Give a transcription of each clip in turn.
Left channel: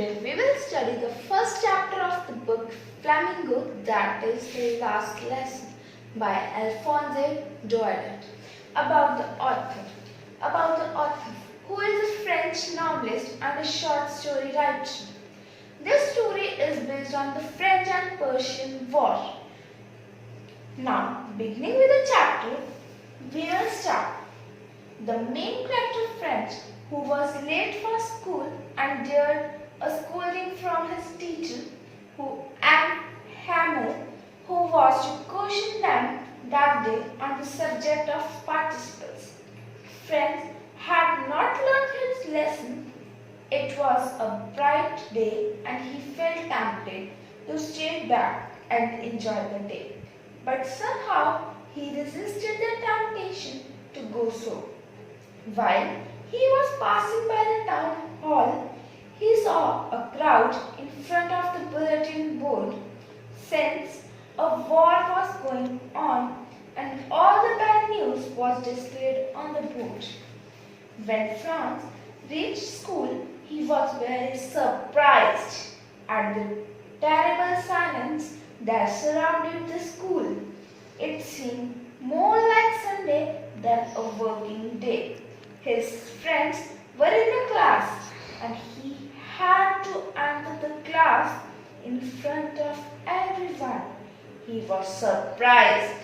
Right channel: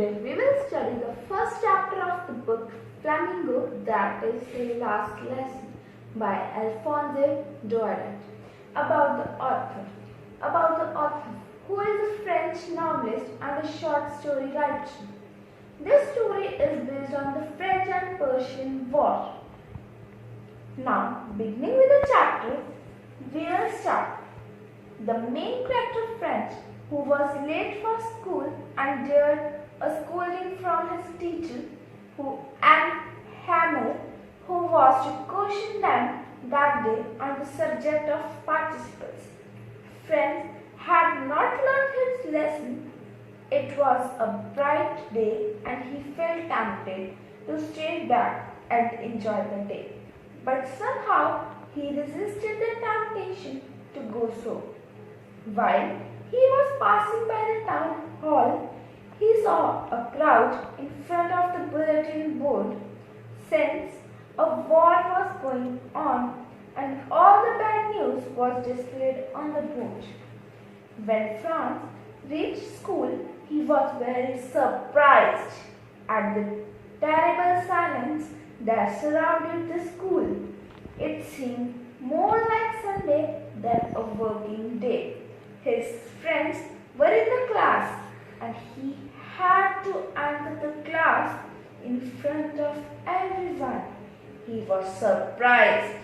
Today we will study the first chapter of the book Flamingo, that is the last lesson by Alphonse Daudet. About the author. Who is a French novelist and a short story writer. This story is based on the French and Persian War. Now, beginning with the chapter, we will start. The main character French, who was late for school and dared a scolding from his teacher, Anne Hamel, who was to caution them that day on the subject of participles. French had not learned his lesson. It was a bright day and he felt tempted to stay back and enjoy the day. But somehow he resisted the temptation to go so. While he was passing by the town hall, he saw a crowd in front of the bulletin board, since a war was going on and all the bad news was displayed on the board. When Franz reached school, he was very surprised at the terrible silence that surrounded the school. It seemed more like Sunday than a working day. His friends were in the class and he had to enter the class in front of everyone. He was surprised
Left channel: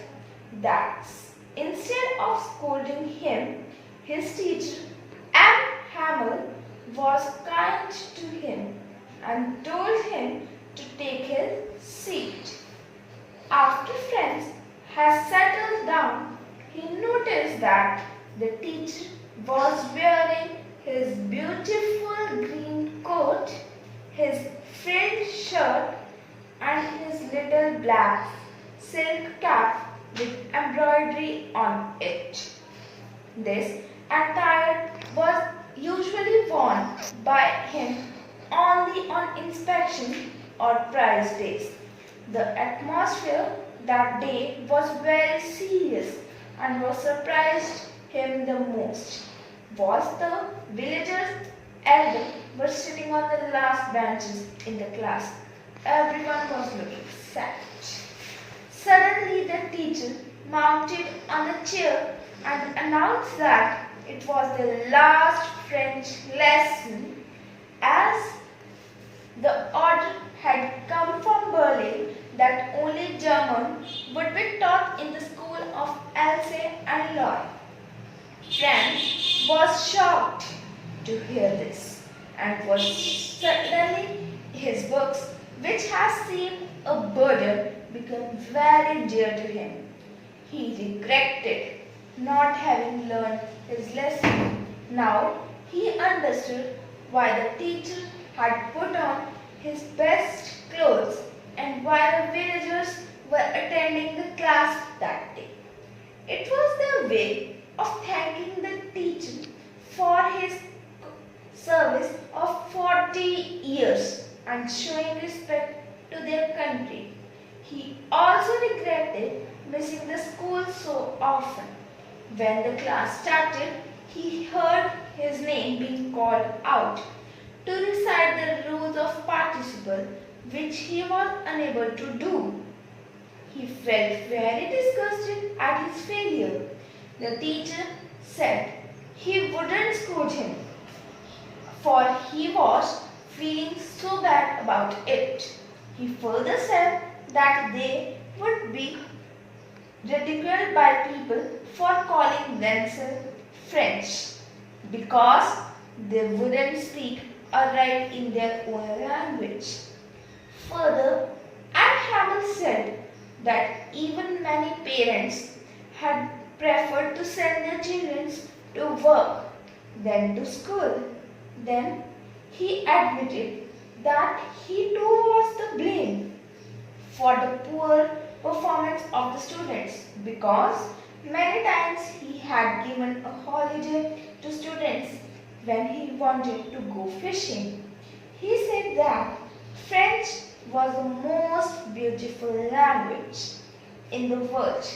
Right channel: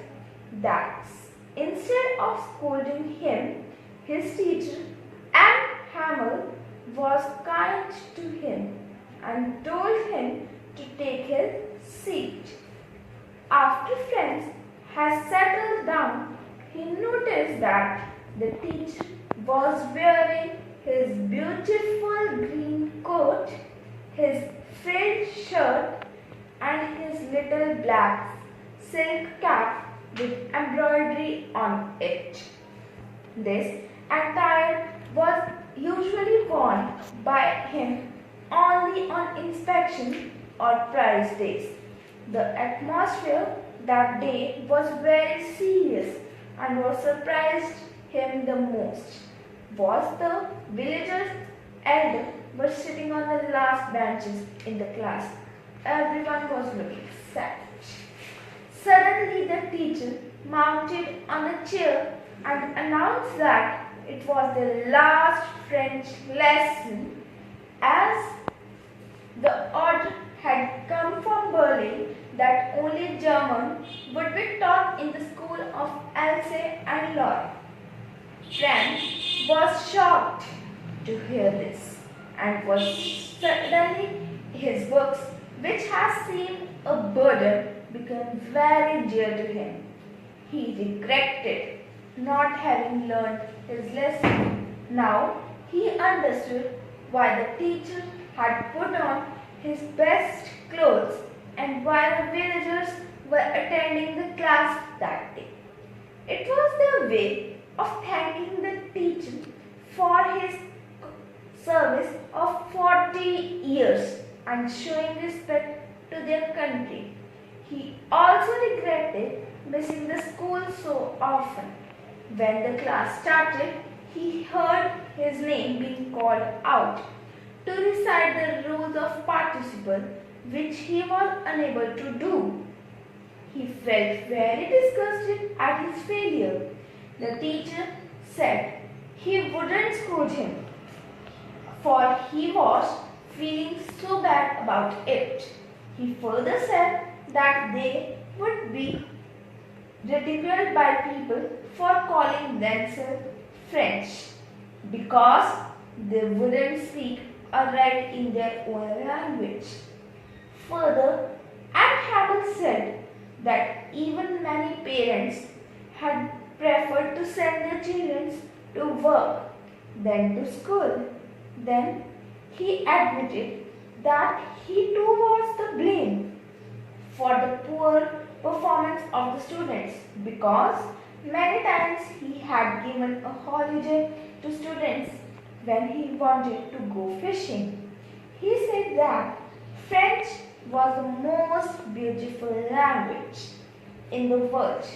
that instead of scolding him, his teacher, Anne Hamel, was kind to him and told him to take his seat. After Franz had settled down, he noticed that the teacher was wearing his beautiful green coat, his frilled shirt, and his little black silk cap with embroidery on it. This attire was usually worn by him only on inspection or prize days. The atmosphere that day was very serious, and what surprised him the most was the villagers' elders were sitting on the last benches in the class. Everyone was looking sad. Suddenly the teacher mounted on a chair and announced that it was the last French lesson, as the order had come from Berlin that only German would be taught in the school of Alsace and Lorraine. Franz was shocked to hear this, and was suddenly his books, which had seemed a burden, became very dear to him. He regretted not having learned his lesson. Now he understood why the teacher had put on his best clothes and why the villagers were attending the class that day. It was their way of thanking the teacher for his service of 40 years and showing respect to their country. He also regretted missing the school so often. When the class started, he heard his name being called out to recite the rules of participle, which he was unable to do. He felt very disgusted at his failure. The teacher said he wouldn't scold him, for he was feeling so bad about it. He further said that they would be ridiculed by people for calling themselves French because they wouldn't speak or write in their own language. Further, Anne Hamel said that even many parents had preferred to send their children to work than to school. Then he admitted that he too was to blame for the poor performance of the students, because many times he had given a holiday to students when he wanted to go fishing. He said that French was the most beautiful language in the world.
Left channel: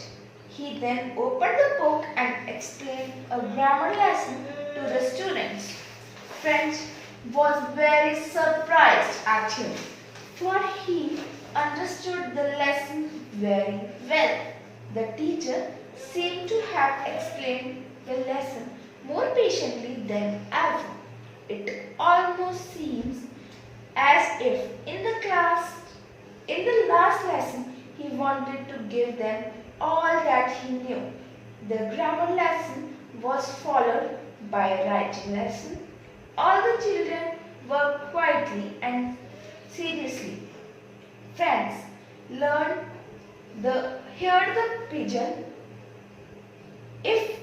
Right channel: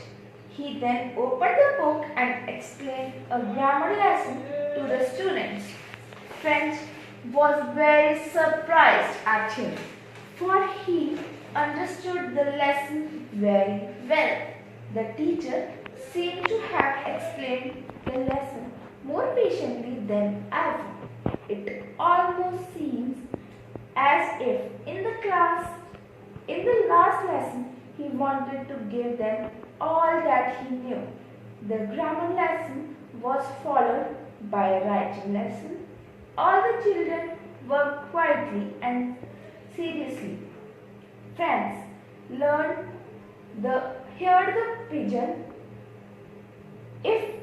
He then opened the book and explained a grammar lesson to the students. Friends, was very surprised at him, for he understood the lesson very well. The teacher seemed to have explained the lesson more patiently than ever. It almost seems as if in the last lesson, he wanted to give them all that he knew. The grammar lesson was followed by a writing lesson. All the children worked quietly and seriously. Friends learned heard the pigeon if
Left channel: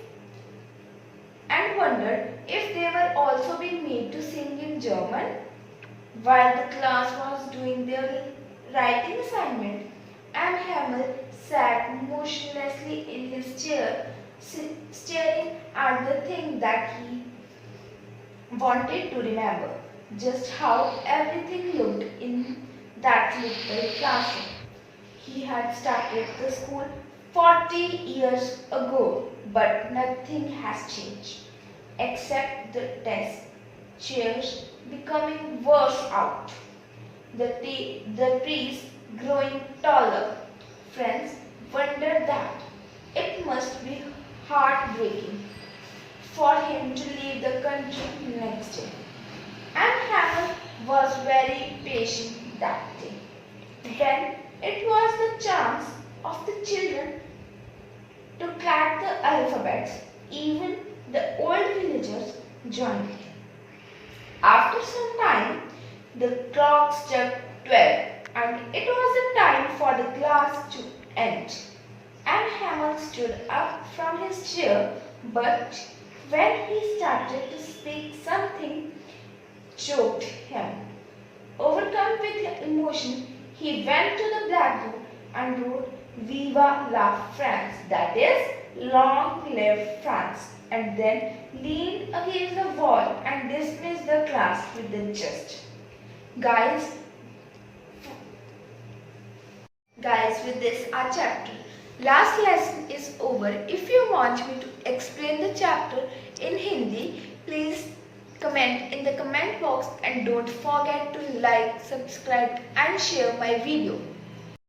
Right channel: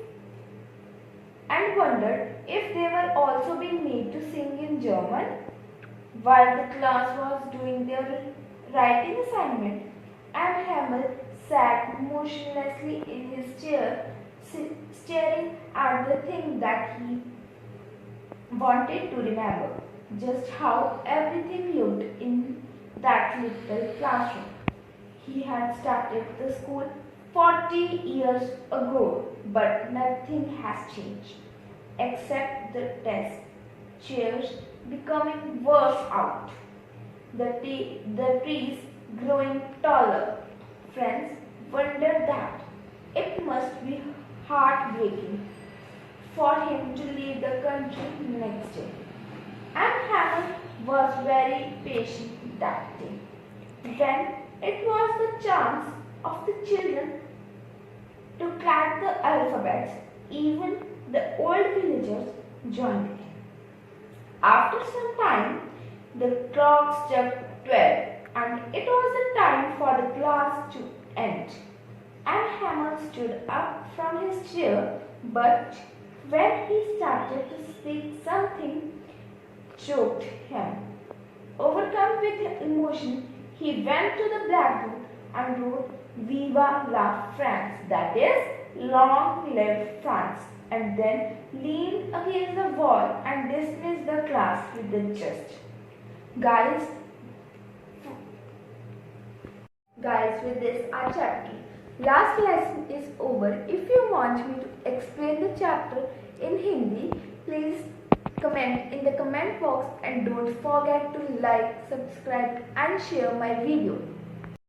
and wondered if they were also being made to sing in German. While the class was doing their writing assignment, Hamel sat motionlessly in his chair, staring at the thing that he wanted to remember, just how everything looked in that little classroom. He had started the school 40 years ago, but nothing has changed except the desk chairs becoming worse out, the trees growing taller. Friends wondered that it must be heartbreaking for him to leave the country next day. And Hammer was very patient that day. Then it was the chance of the children to crack the alphabets. Even the old villagers joined him. After some time, the clock struck 12 and it was the time for the class to end. And Hamel stood up from his chair, but when he started to speak, something choked him. Overcome with emotion, he went to the blackboard and wrote Viva la France, that is, long live France, and then leaned against the wall and dismissed the class with the gist. Guys, with this our chapter. Last lesson is over. If you want me to explain the chapter in Hindi, please comment in the comment box and don't forget to like, subscribe and share my video.